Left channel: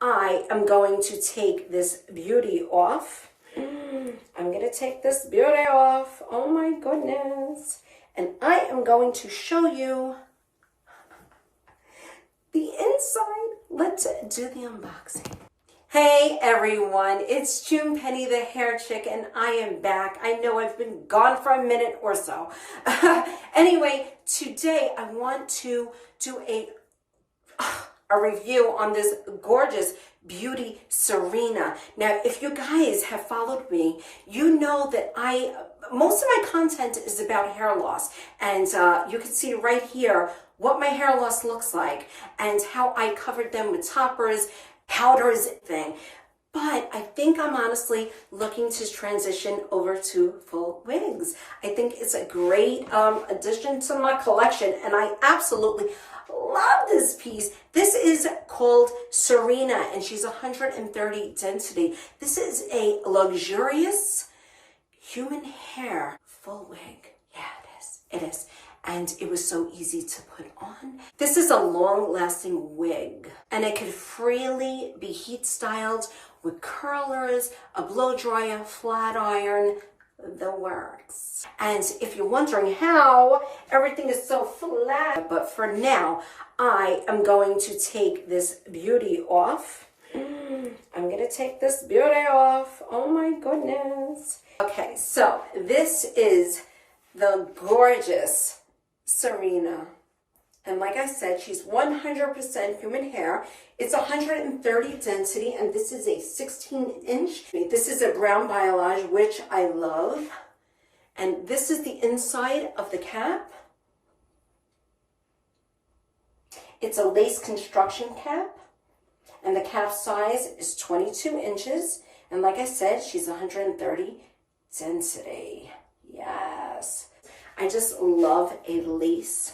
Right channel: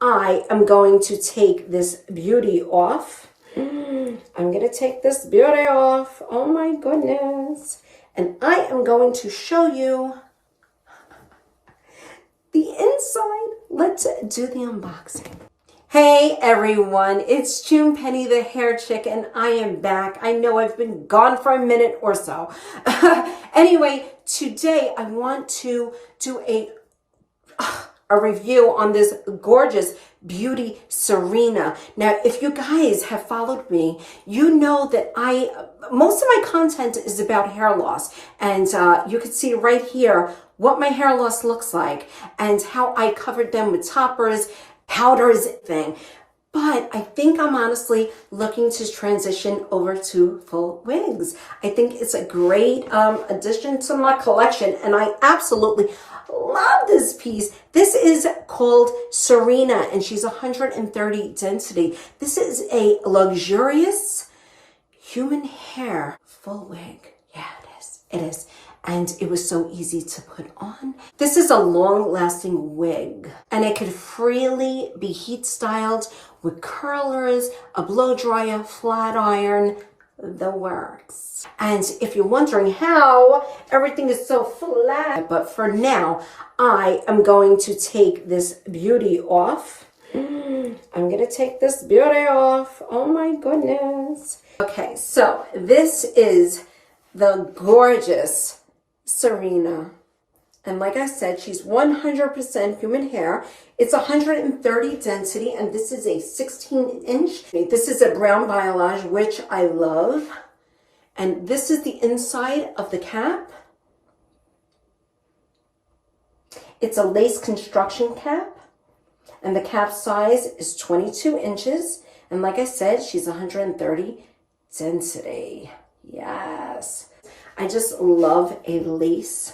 I am going to take this beauty off. I'm going to take this beauty off. Oh my goodness. And I am going to show you the inside. Let's do the unboxing. Hey everyone, it's June Penny, the hair chick, and I am back. I know I've been gone for a minute or so. Anyway, today I want to do a review on this gorgeous beauty Serena. Now, if you guys have followed me, you know that most of my content is about hair loss, and you can see right here what my hair loss looks like and how I covered them with toppers, powders, thing. But I think I'm honestly looking to transition over to full wigs. I think it's a great addition to my collection, and I absolutely love this piece. This is called Serena, and she's 130 density. This is a luxurious human hair full wig. Yeah, it is. It is. And it was so easy to put on. This is a long-lasting wig, and it could freely be heat styled with curlers, a blow dryer, flat iron, the works. And if you're wondering how everything is so flat, but for now, I am going to take this beauty off. I'm gonna take this beauty off. Oh my goodness. Okay, so this is the gorgeous Serena. And like I said, she's 100% human hair. It's 130 density, and this is a 16-inch. This is a brown balayage, which I love. And this is the inside of the cap. It's a lace construction cap, and the cap size is 22 inches. And like I said, she's 130 density. Yes. I just love a lace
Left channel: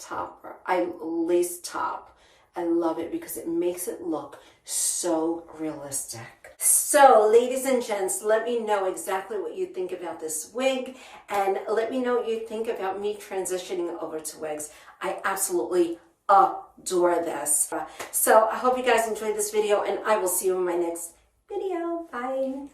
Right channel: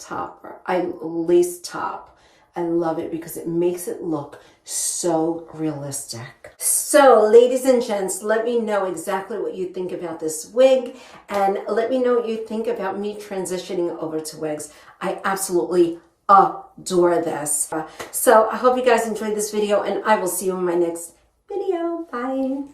topper. Lace top. I love it because it makes it look so realistic. So, ladies and gents, let me know exactly what you think about this wig, and let me know what you think about me transitioning over to wigs. I absolutely adore this. So, I hope you guys enjoyed this video, and I will see you in my next video. Bye.